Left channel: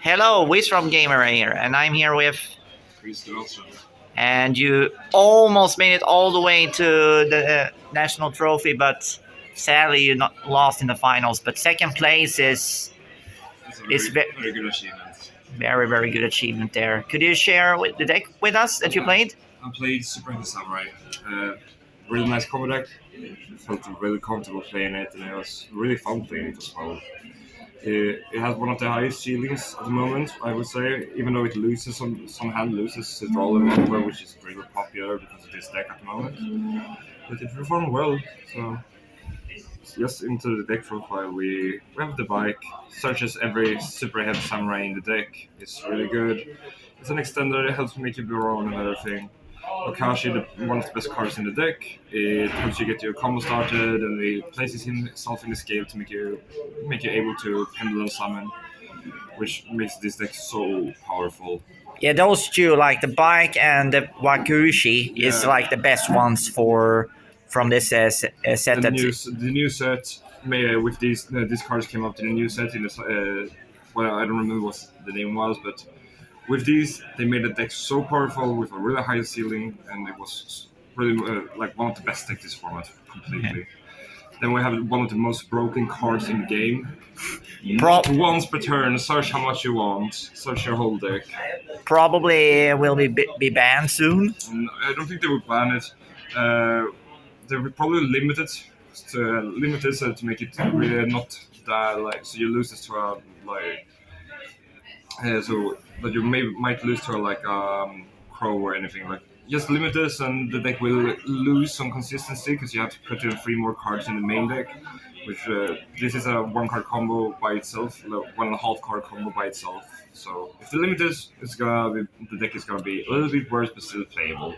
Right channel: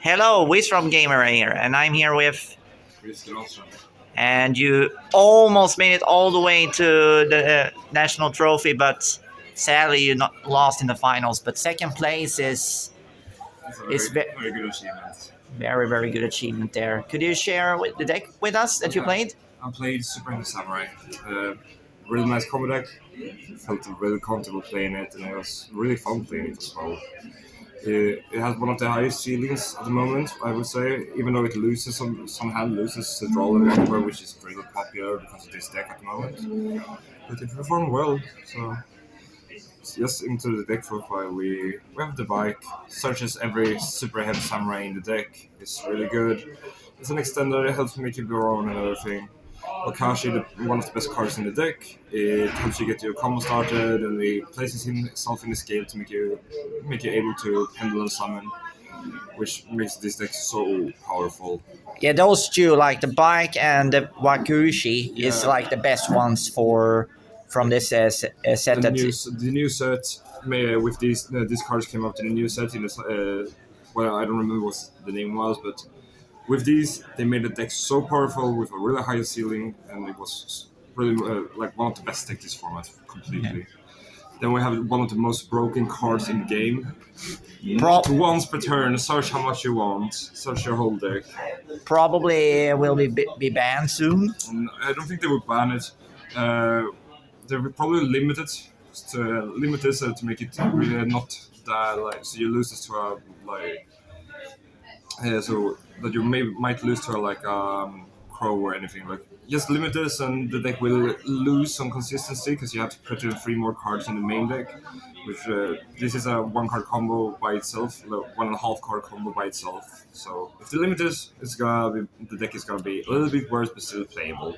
Hello, Wisrom Gamer here, and I'm here with. Christer also. And you almost made it all the way to the national trophy, but sadly you not lost in the finals. But second place It's a is very good achievement. very good achievement there. Could you share the deck with us that you played? I played Superheavy Samurai. Really nice combo deck. Felt really comfortable playing it, and it was really fun playing it as well. It has one of the highest ceilings at the moment, I would say, even though it loses some hand loses to draw the upper, which is really popular because of this deck at the moment. But it performed well, so just into the deck profile we have the bike, searches every super heavy samurai in the deck. It's really good. It's an extender, it helps make you blow on and everything. Okashi, one of the best cards in the deck. It helps you get your combo started, and it places himself in the scale to make you able to pendulum summon, which makes this deck so powerful. Yeah, those two, like the bike and the Wakushi, is Yeah. like the best ones for from this set. The new set made with these cards came up to the new set in this. Well, I don't remember what the name was, but with these they made the deck so powerful with a really high ceiling, and it was really like one of the best decks this format completely. Then we have one of the most broken cards in the game. Once per turn, search how much you want, search your whole deck. Probably will be banned soon. I don't think they would ban it. They would probably limit this to make it really not that like so you lose this to a like so that you might lose to a like crow or anything like just limit this and the deck will lose some consistency because you have to put in 3 more cards in the main deck, which this is a 1 card combo by itself, 1.5 card combo by itself. So if the limit is, the deck is gonna be a little bit worse but still playable.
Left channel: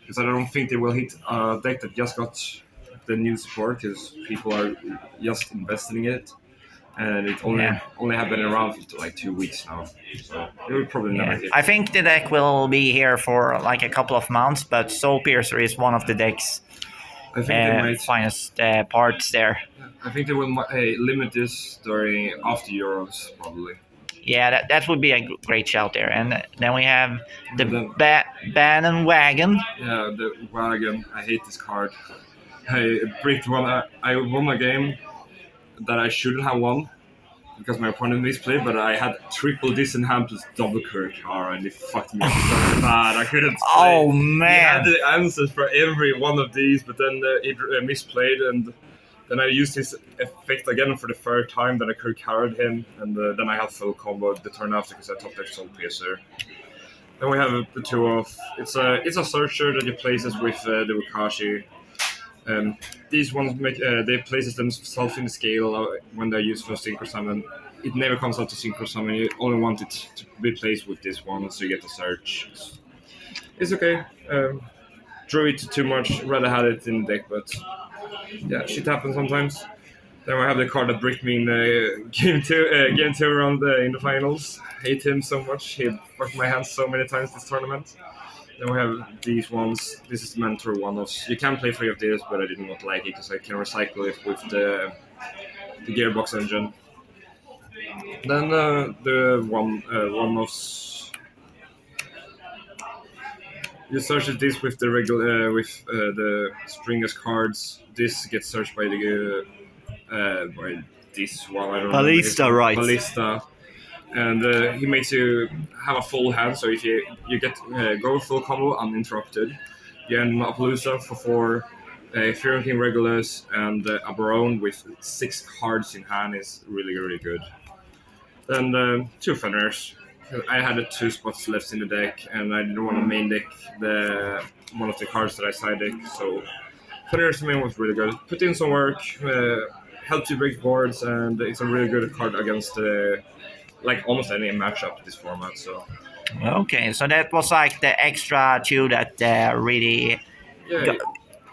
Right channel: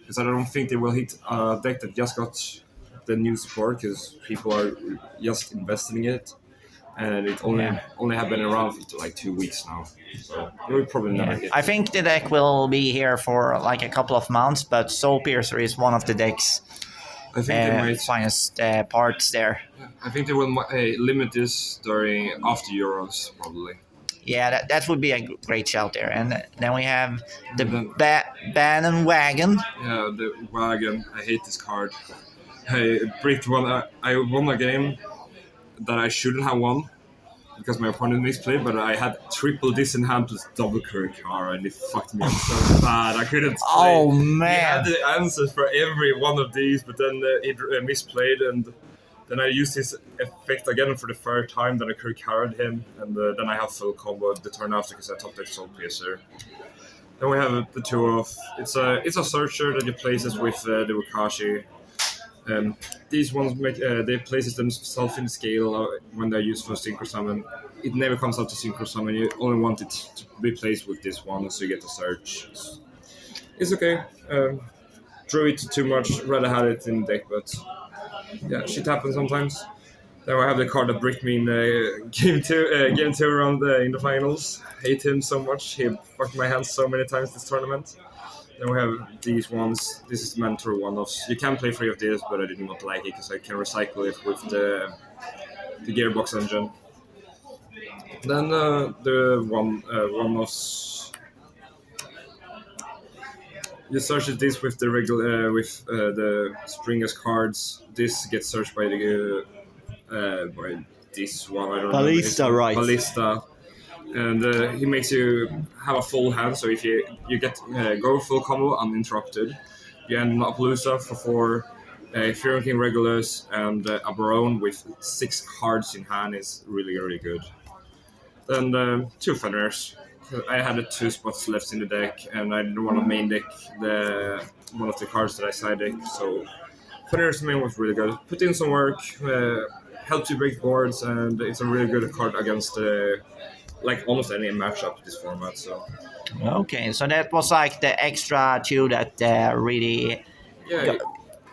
Because I don't think they will hit a deck that just got the new support because people are just investing in it, and it only have been around for like 2 weeks now, so it will probably never hit. I think the deck will be here for like a couple of months, but Soul Piercer is one of the deck's I think they might. finest parts there. I think they will limit this during after Euros probably. Yeah, that would be a great shout there. And then we have the Bannon Wagon. Yeah, the wagon. I hate this card. I bricked one. I won a game that I shouldn't have won because my opponent misplayed, but I had triple this in hand plus double Kurikara, and it fucked me up so bad. I couldn't play. Oh man! He had the answers for every one of these, but then he misplayed, and then I used his effect again for the third time. Then I Kurikara him, and then I have full combo the turn after because I took that Soul Piercer. Then we have the two of it's a searcher that he places with the Wakashi. These ones they places themselves in the scale when they're used for Synchro Summon. It never comes out to Synchro Summon. You only want it to be placed with this one, so you get the search. It's okay. Drew it too much. Rather had it in the deck, but yeah, shit happens sometimes. Then we have the card that bricked me in game two round in the finals. Hate him so much. He fucked my hands so many times this tournament. Then we have these ones. This is the mentor one-offs. You can play 3 of these, but I did not like it because I can recycle it with the gearbox engine. Then the one-offs. You search this with the regular with the Springers cards. This gets searched by the by this one. I don't know. Ballista, right? Ballista. And he makes you have a full hand, so if you get go full combo uninterrupted, you end Appaloosa for 4 Fearing King regulars, and a Baron with 6 cards in hand is really good. Then 2 Fenrirs. I had 2 spots left in the deck, and I didn't want to main deck one of the cards that I side deck, so Fenrir's main was really good. Put in some work, helps you break boards, and it's a really good card against like almost any matchup this format. So Okay, so that was like the extra two that really yeah,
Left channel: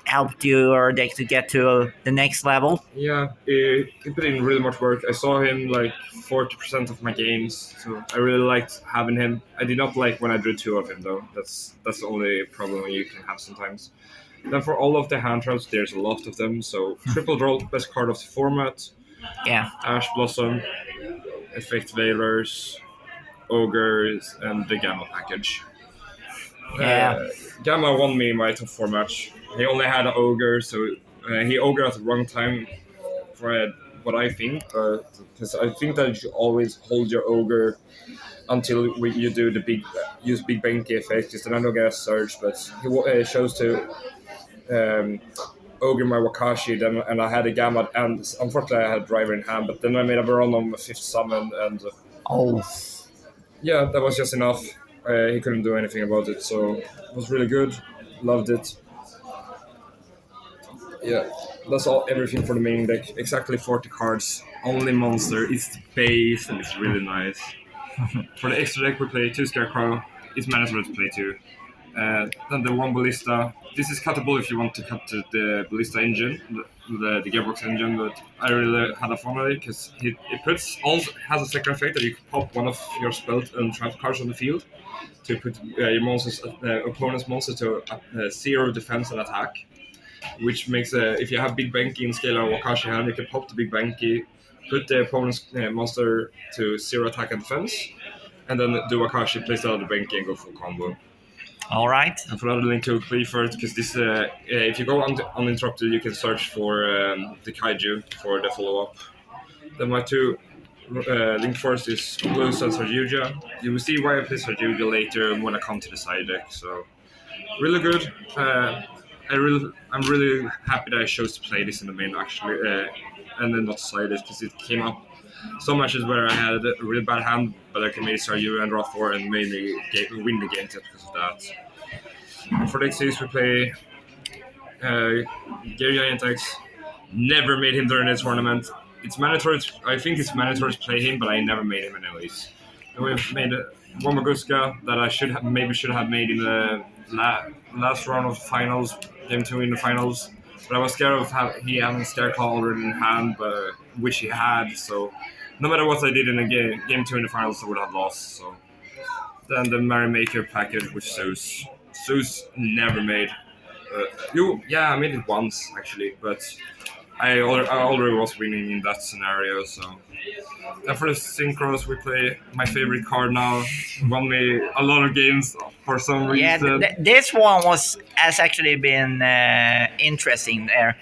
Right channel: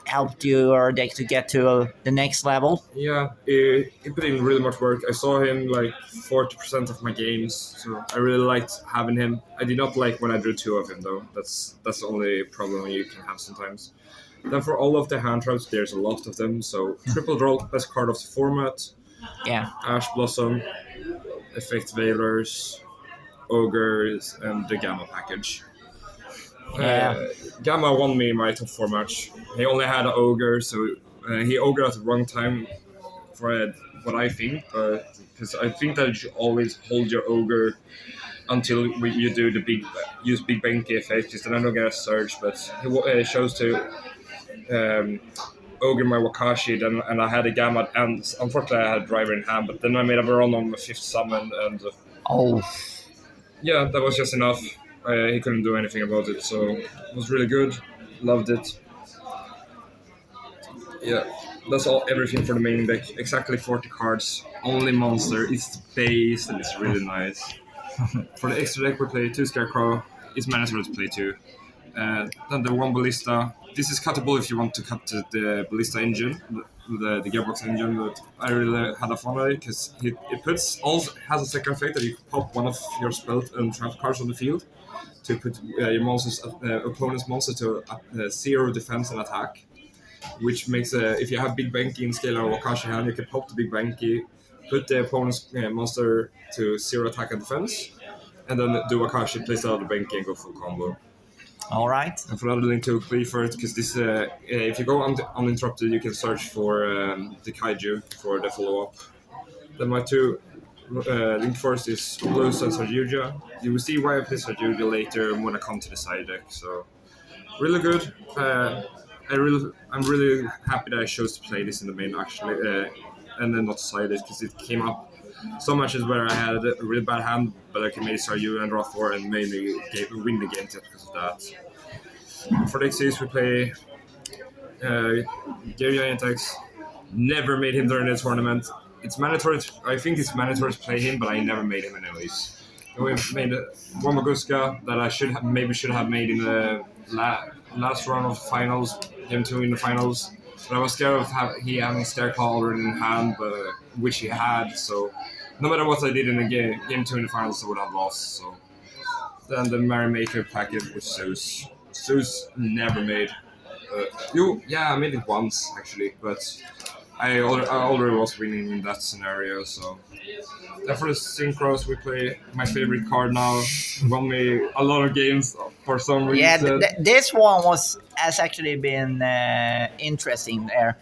helped your deck to get to the next level. yeah, he put in really much work. I saw him like 40% of my games, so I really liked having him. I did not like when I drew 2 of him though. That's the only problem you can have sometimes. Then for all of the hand traps, there's a lot of them. So triple draw, best card of the format. Yeah. Ash Blossom, Effect Veilers, ogres, and the Gamma package. Yeah. Gamma won me my top 4 match. He only had an ogre, so he ogre at the wrong time for what I think, because I think that you should always hold your ogre until you do the use big banky effect, because then I don't get a surge. But he chose to ogre my Wakashi, then and I had a Gamma, and unfortunately I had Driver in hand. But then I made a run on my 5th summon, and Oh. yeah, that was just enough. He couldn't do anything about it, so it was really good. Loved it. Yeah, that's everything for the main deck. Exactly 40 cards. Only monster. It's the base, and it's really nice. For the extra deck, we play 2 Scarecrow. It's mandatory to play 2. Then the 1 Ballista. This is cuttable if you want to cut the Ballista engine, the Gearbox engine, but I really had a fun with it because it also has a second effect that you can pop one of your spell and trap cards on the field to put your opponent's monster to 0 defense and attack, which makes if you have Big Banky in Scalar or Wakashi hand, you can pop the Big Banky, put the opponent's monster to 0 attack and defense, and then do Wakashi, place out the Banky, and go full combo. All right. And for another link to play first, because this, if you go uninterrupted, you can search for the Kaiju for the follow-up. Then my 2 link first is Blues and Yugioh. You will see why I play Yugioh later when I come to the side deck. So really good. I'm really happy that I chose to play this in the main actually, and then not side deck, because it came up so much as where I had a really bad hand, but I could maybe start you and draw 4 and maybe win the game just because of that. For the XCs, we play Gary Index. Never made him during the tournament. It's mandatory. I think it's mandatory to play him, but I never made him anyways. And we made one Maguska that I should have made in the last round of finals, game 2 in the finals. But I was scared of he having Scareclaw already in hand, but which he had. So no matter what I did in the game 2 in the finals, I would have lost. So then the Merrymaker package with Zeus. Zeus never made. I made it once actually, but I already was winning in that scenario. So then for the synchros, we play my favorite card now. Won me a lot of games for some reason. Yeah, this one has actually been interesting there,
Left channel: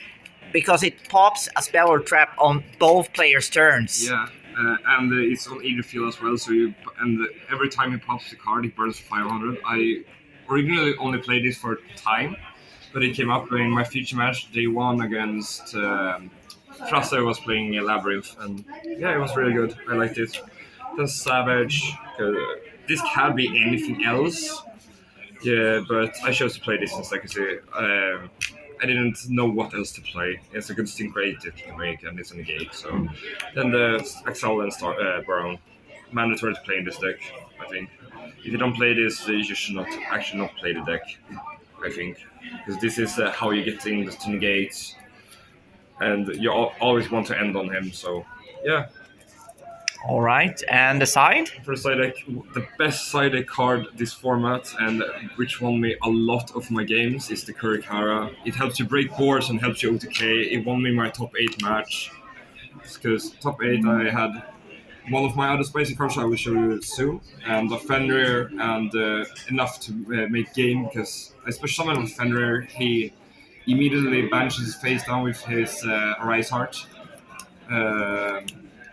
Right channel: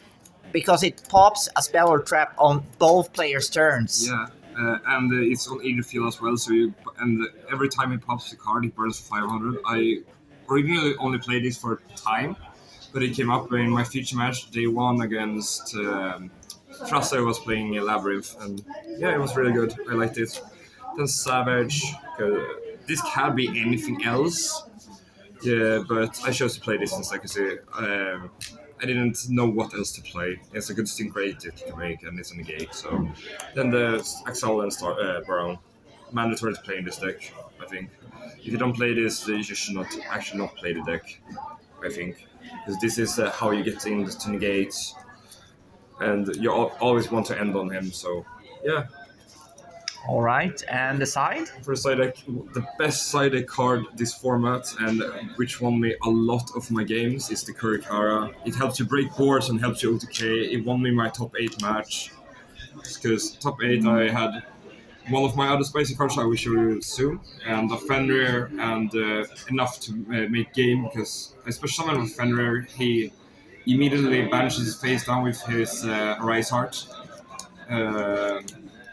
because it pops a spell or trap on both players' turns. Yeah, and it's on either field as well. So every time he pops the card, he burns 500. I originally only played this for time, but it came up in my future match day 1 against Frasse was playing Labyrinth, and yeah, it was really good. I liked it. Then Savage. This can be anything else. Yeah, but I chose to play this since, like I say, I didn't know what else to play. It's a good sync-rate to make, and it's a negate. So then the Axel and Baron. Mandatory to play in this deck, I think. If you don't play this, you should not play the deck, I think. Because this is how you get things to negate, and you always want to end on him, so yeah. All right, and the side? For the side deck, the best side deck card this format, and which won me a lot of my games, is the Kurikara. It helps you break boards and helps you OTK. It won me my top 8 match, because top 8 I had one of my other spicy cards I will show you soon, and a Fenrir, and enough to make game, because especially someone with Fenrir, he immediately banishes his face down with his Arise Heart.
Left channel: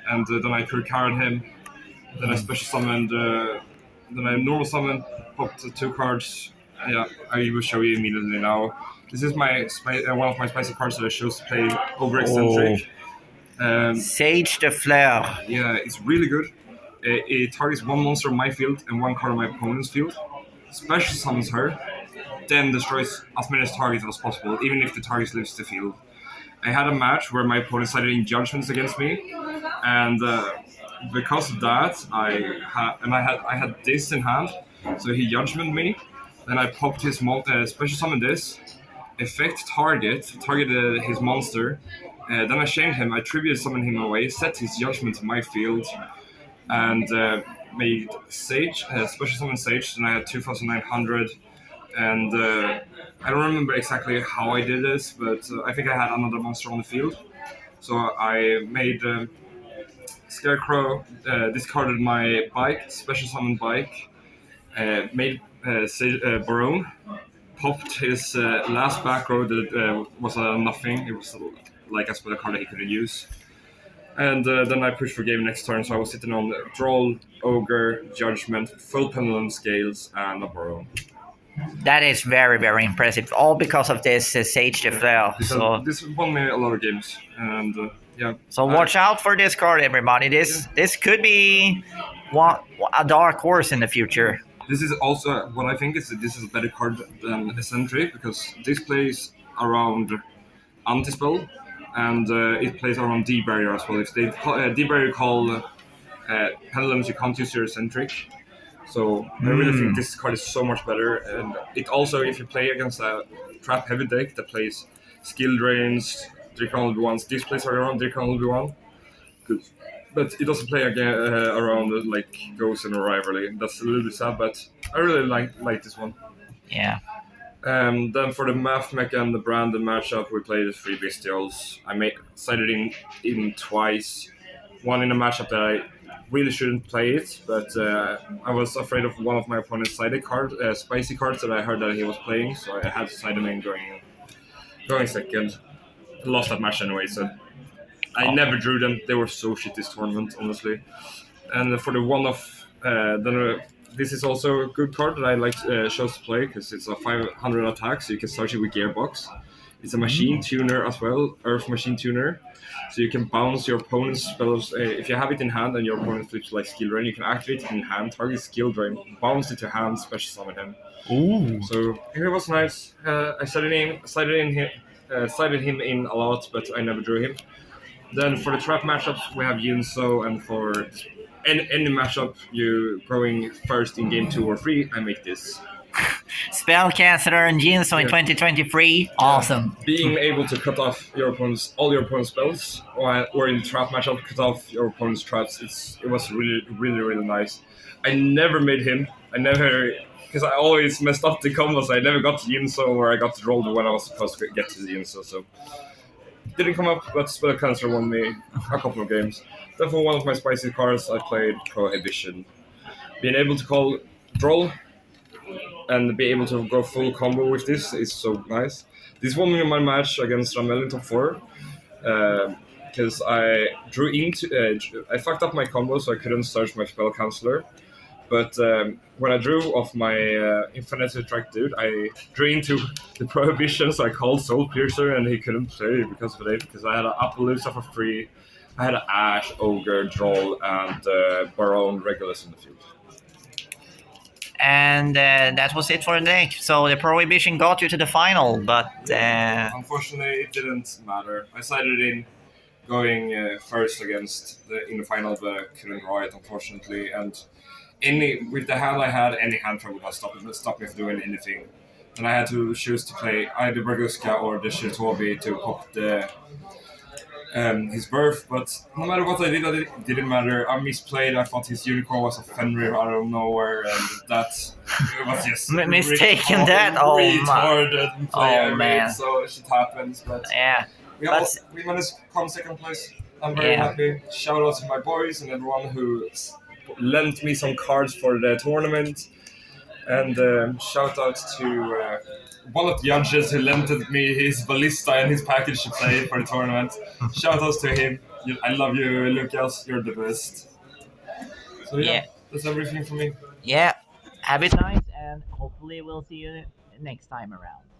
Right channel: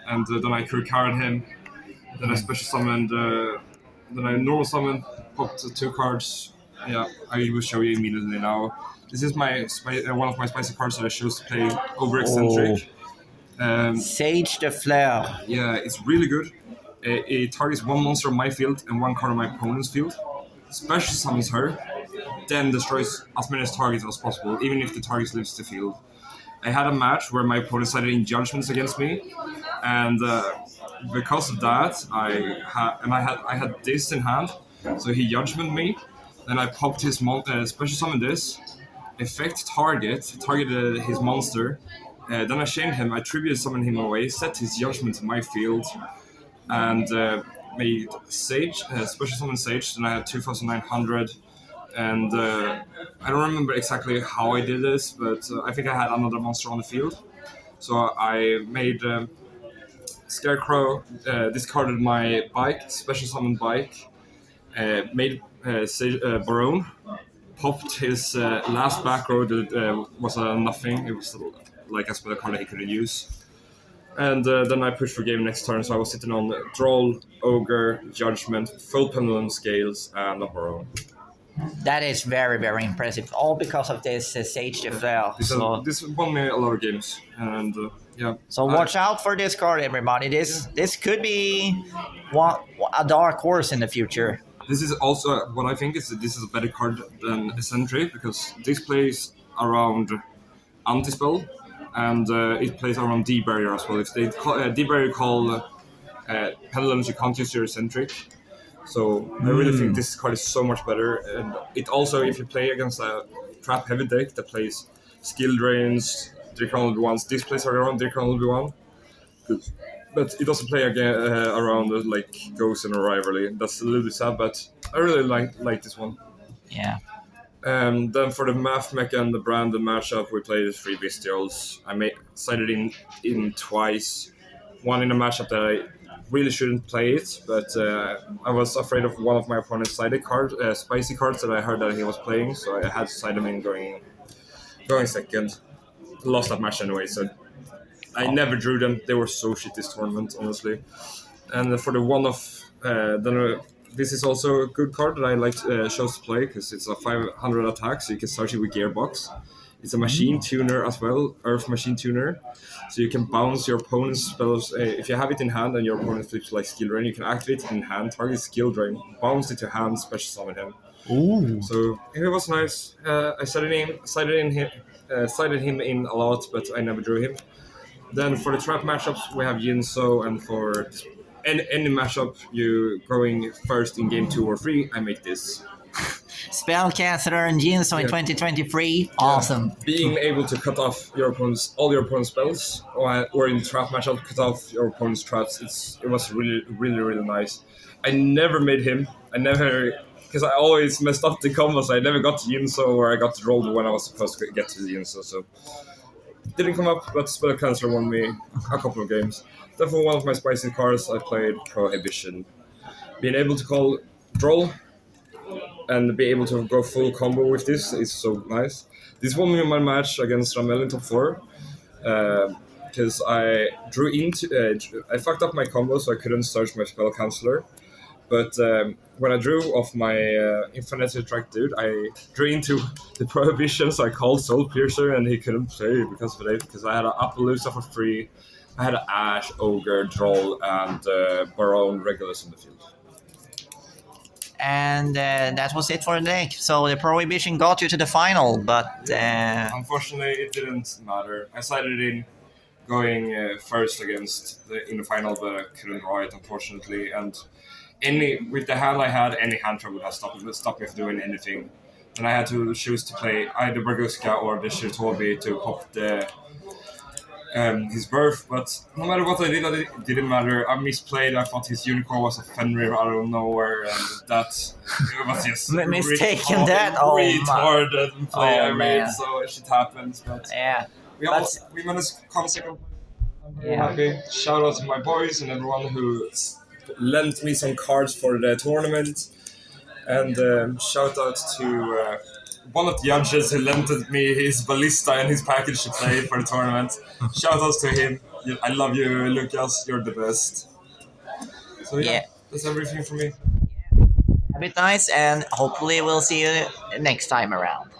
And then I Kurikared him, then I special summoned, then I normal summoned, popped 2 cards. Yeah, I will show you immediately now. This is my one of my spicy cards that I chose to play over Eccentric. Sage the Flare. Yeah, it's really good. It targets 1 monster on my field and 1 card on my opponent's field. Special summons her, then destroys as many targets as possible, even if the target leaves the field. I had a match where my opponent started in judgments against me, and because of that, I had this in hand, so he judgmented me. Then I popped his special summon this, effect targeted his monster. Then I shamed him, I tribute summoned him away, set his judgment to my field, and made Sage, special summon Sage. Then I had 2,900, and I don't remember exactly how I did this, but I think I had another monster on the field. So I made Scarecrow discarded my bike, special summon bike, made Barone, popped his last back row that was a nothing. It was like a spell card that he couldn't use. And then I pushed for game next turn, so I was sitting on Droll, Ogre, Judgment, full Pendulum Scales, and a Barone. That is very, very impressive. All because of this Sage de Fleur. So This won me a lot of games, and yeah. So watch out for this card, everybody. This could be a dark horse in the future. This is also what I think is that this is a better card than Eccentric because this plays around Anti-Spell and it plays around D-Barrier as well. If they D-Barrier call Pendulums, you can't use your Eccentric. So I really think this card is so much better. And it also, if you play against a trap heavy deck that plays skill drains, Dracon Obi-Wans, this plays around Dracon Obi-Wan. But it doesn't play again around like Ghost and Rivalry. That's a little bit sad, but I really like this one. Yeah. Then for the Math Mech and the Brandon matchup, we played 3 Bestials. I sided in twice. One in a matchup that I really shouldn't play it, but I was afraid of one of my opponent's sided cards, spicy cards that I heard that he was playing, so I had to side him in going second. Lost that match anyway, so I never drew them. They were so shit this tournament, honestly. And for the one-off, this is also a good card that I like chose to play because it's a 500 attack, so you can search it with Gearbox. It's a machine tuner as well, Earth Machine Tuner. So you can bounce your opponent's spells. If you have it in hand and your opponent flips like Skill Drain, you can activate it in hand, target Skill Drain, bounce it to hand, special summon him. Ooh. So it was nice. I sided him in a lot, but I never drew him. Then for the trap matchups, we have Yinso, and for any matchup you going first in game 2 or 3, I make this. Spellcaster and Jinso in 2023, awesome. Being able to cut off all your opponent's spells, or in the trap matchup, cut off your opponent's traps. It was really, really, really nice. I never made him. Because I always messed up the combos. I never got to Yinso, or I got to roll when I was supposed to get to the Yinso. So didn't come up, but Spellcaster won me a couple of games. Then for one of my spicy cards, I played Prohibition. Being able to call Droll and be able to go full combo with this is so nice. This won me my match against Ramel in top 4 because I drew into I fucked up my combo, so I couldn't search my spell canceller. But when I drew off my Infinite Attract dude, I drew into the Prohibition, so I called Soul Piercer and he couldn't play because of it. Because I had an Appaloosa for free, I had an Ash, Ogre, Droll, and Barone Regulus in the field. And that was it for the deck. So the Prohibition got you to the final, but unfortunately it didn't matter. I sided in going first in the final, but I couldn't draw it, unfortunately. And with the hand I had, any hand trap would have stopped me from doing anything. And I had to choose to play either Braguska or the Shirtobi to pop his birth, but no matter what I did, it didn't matter. I misplayed. I thought his unicorn was a Fenrir out of nowhere, and that was just mistaken. Retarded play I made, man. so shit happens. But yeah, we managed to come second place. I'm very happy. Shout out to my boys and everyone who lent me some cards for the tournament, and shout out to one of the judges who lent me his ballista and his package to play for the tournament. Shout outs to him. I love you, Lucas. You're the best. So yeah, that's everything from me. Yeah, have it nice, and hopefully we'll see you next time around.